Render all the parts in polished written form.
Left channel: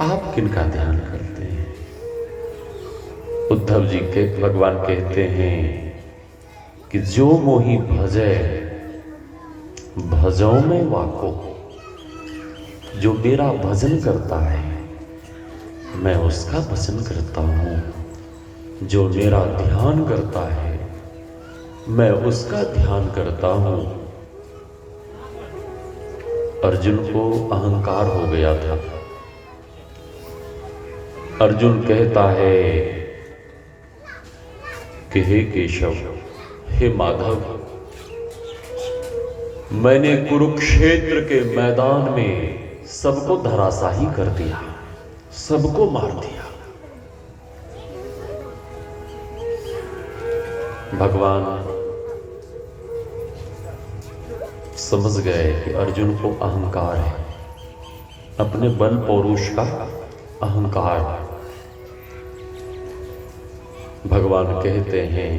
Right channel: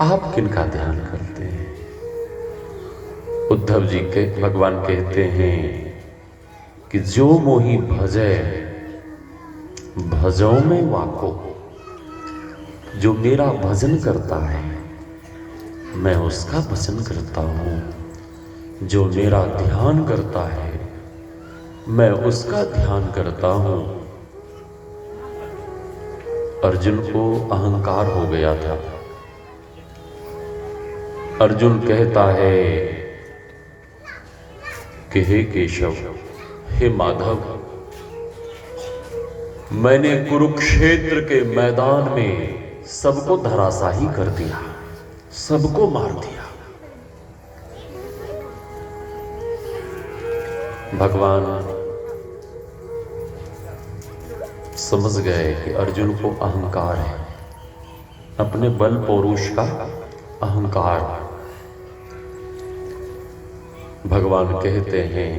आप किनका ध्यान करते हैं? उद्धव जी के भगवान कहते हैं कि जो मोहि भजे भजों में वाको, जो मेरा भजन करता है मैं उसका भजन करता हूं, जो मेरा ध्यान करता है मैं उसका ध्यान करता हूं। अर्जुन को अहंकार हो गया था। अर्जुन कहता है कि हे केशव, हे माधव, मैंने कुरुक्षेत्र के मैदान में सबको धराशाही कर दिया, सबको मार दिया। भगवान समझ गए कि अर्जुन को अहंकार है, अपने बल पौरुष का अहंकार। भगवान कहते हैं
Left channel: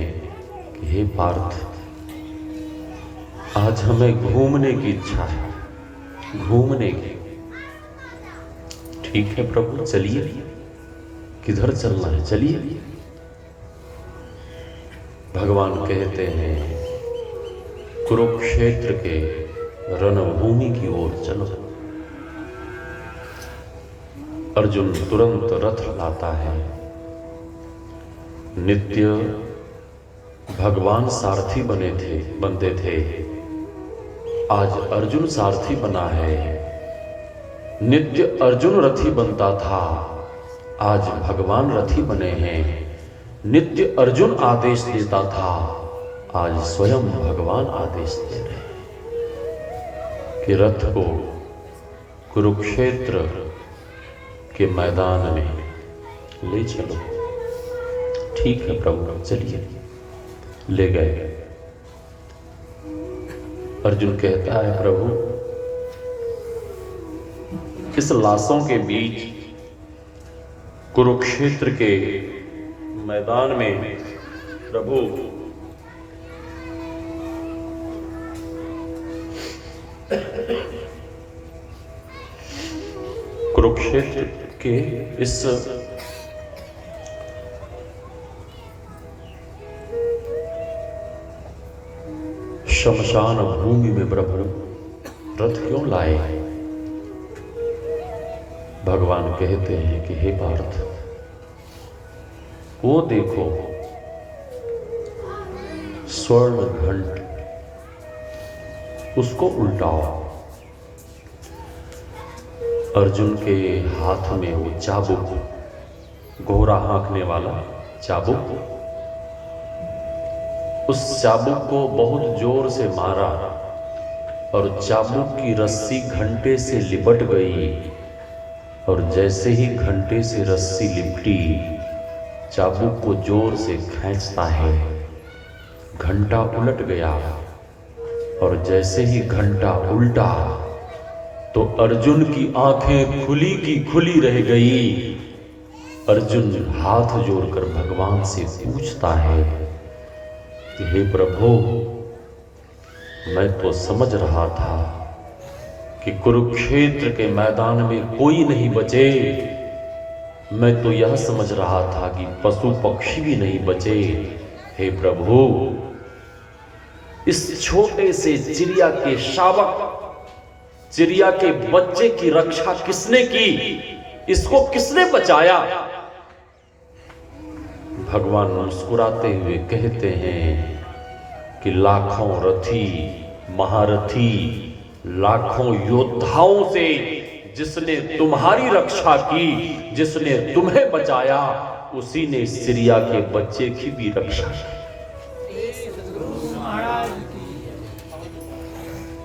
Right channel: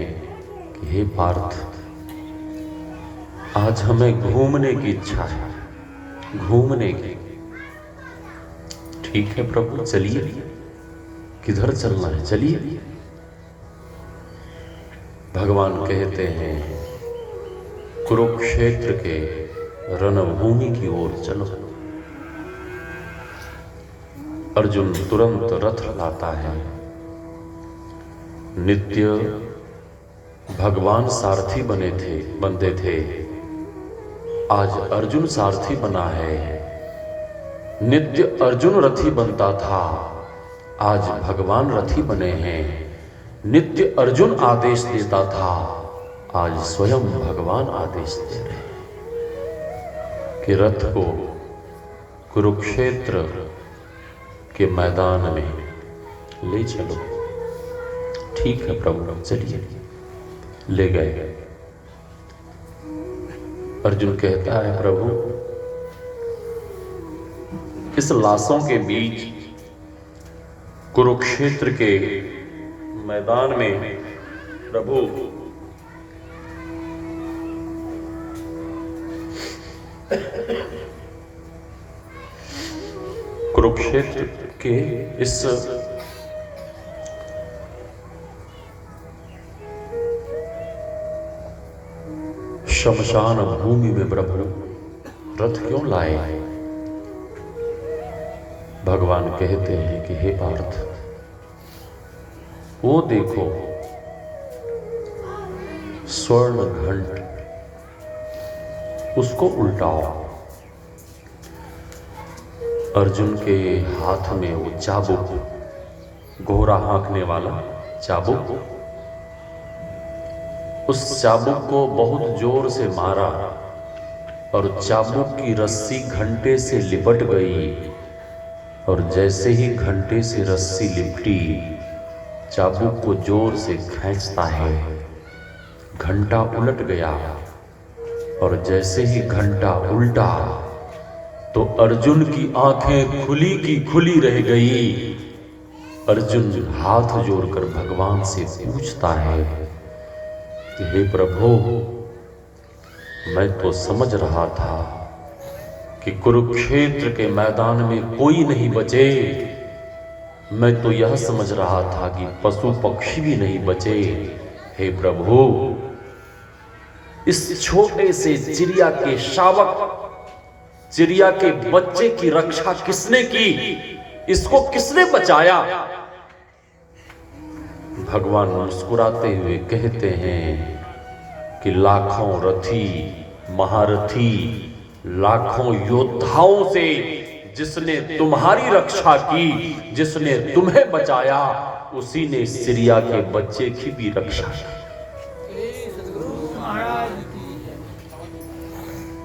कि हे पार्थ, आज हमें घूमने की इच्छा है, घूमने की। ठीक है प्रभु, चलिए। किधर चलना है? चलिए। भगवान कहते हैं कुरुक्षेत्र के रणभूमि की ओर चलो। अर्जुन तुरंत रथ लाता है। नित्य भगवान सारथी बनते थे, आज अर्जुन सारथी बना है। नित्य अर्जुन रथी बनता था, आज भगवान रथी बने हैं। नित्य अर्जुन आदेश देता था, आज स्वयं भगवान आदेश दे रहे हैं कि रथ को कुरुक्षेत्र के मैदान में ले चलो। ठीक है प्रभु, चलिए। ले गए। अर्जुन कहता है प्रभु, किस लाशों के बीच कुरुक्षेत्र के मैदान में प्रभु कुरुक्षेत्र के इस शमशान भूमि में प्रभु रथ क्यों लाए? भगवान कहते हैं कि हे पार्थ, वो देखो स्वर्ण घंट, उसको उल्टाओ। अर्जुन के हाथ में वो चाबुक, घोड़ा हाँकने वाला चाबुक, उस चाबुक को बहुत जोर से मारा और चाबुक की रस्सी घंटे से लिपट गई। और जैसे ही घंटे से रस्सी लिपटी, चाबुक को जोर से खींचता है, घंटा उलट गया। और जैसे ही घंटा उल्टा तो अर्जुन की आंखें खुली की खुली रह गई। अर्जुन हाथ जोड़कर भगवान से पूछता है कि हे प्रभु, मैं तो समझ रहा था कि कुरुक्षेत्र के मैदान में कोई नहीं बचे। मैं तो यह समझ रहा था कि पशु पक्षी भी नहीं बचे। हे प्रभु, इस छोटे से चिड़िया के शावक, चिड़िया के बच्चे की रक्षा किसने की? इसको किसने बचाया? भगवान मुस्कुराते हुए कहते हैं कि लाखों रथी महारथी, लाखों योद्धाओं से जिसने तुम्हारी रक्षा की, जिसने तुम्हें बचाया, उसी ने चिड़िया के बच्चे की भी रक्षा की।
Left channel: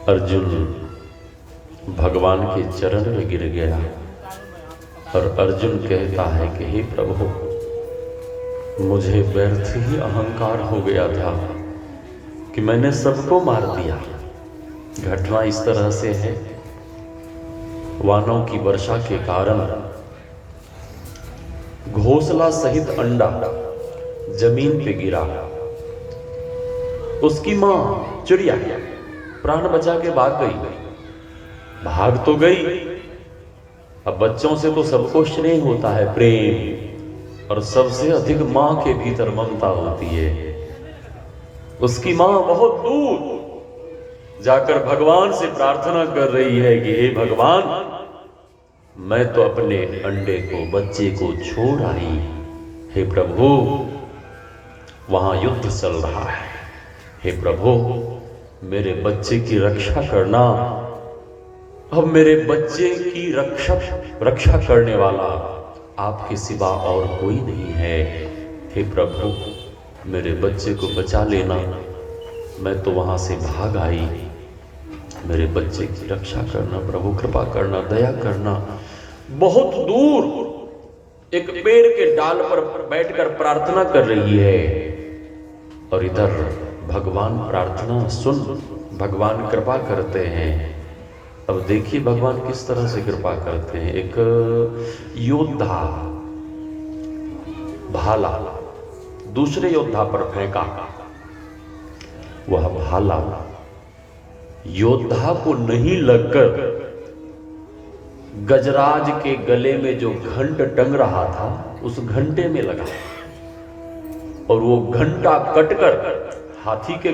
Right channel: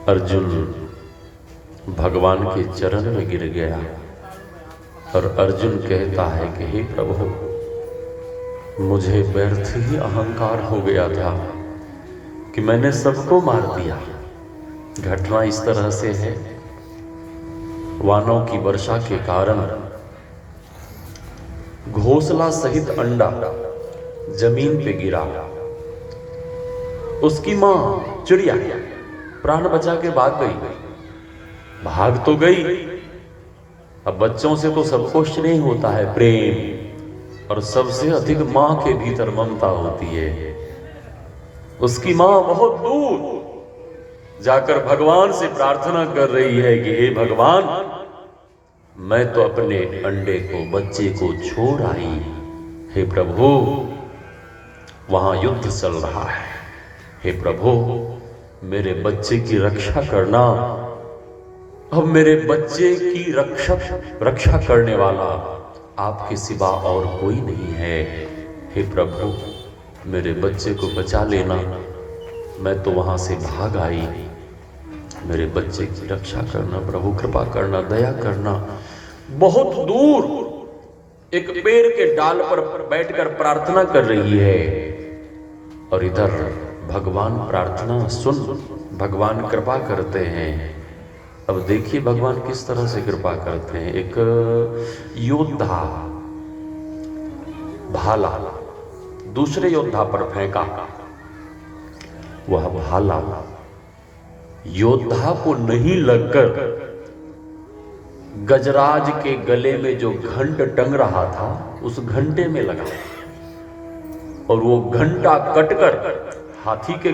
अर्जुन भगवान के चरण में गिर गया और अर्जुन कहता है कि हे प्रभु, मुझे व्यर्थ ही अहंकार हो गया था कि मैंने सबको मार दिया। घटना इस तरह से है, वानों की वर्षा के कारण घोंसला सहित अंडा जमीन पे गिरा। उसकी मां चिड़िया प्राण बचा के भाग गई। भाग तो गई, अब बच्चों से तो सब कुछ नहीं होता है प्रेम, और सबसे अधिक मां के भीतर ममता होती है। उसकी मां बहुत दूर जाकर भगवान से प्रार्थना कर रही है कि हे भगवान, मैं तो अपने अंडे को, बच्चे को छोड़ आई, हे प्रभु वहां युद्ध चल रहा है, हे प्रभु मेरे बच्चे की रक्षा करना। अब मेरे बच्चे की रक्षा करने वाला आपके सिवा और कोई नहीं है, हे प्रभु मेरे बच्चे को बचा लेना। मैं तो वहां से भाग आई, मेरे बच्चे की रक्षा करना प्रभु, कृपा करना, दया करना। बहुत दूर एक पेड़ के डाल पर बैठकर प्रार्थना कर रही है, और इधर भगवान प्रार्थना सुन, भगवान कृपा करते हैं। अब देखिए भगवान किस तरह से कृपा करते हैं। एक योद्धा भाला दूसरे योद्धा पर फेंका, वह भाला योद्धा को नहीं लगकर गजराज के गले में जो घंट टंग रहा था उस घंटे में लगा, और वो घंटा कटकर हाथी के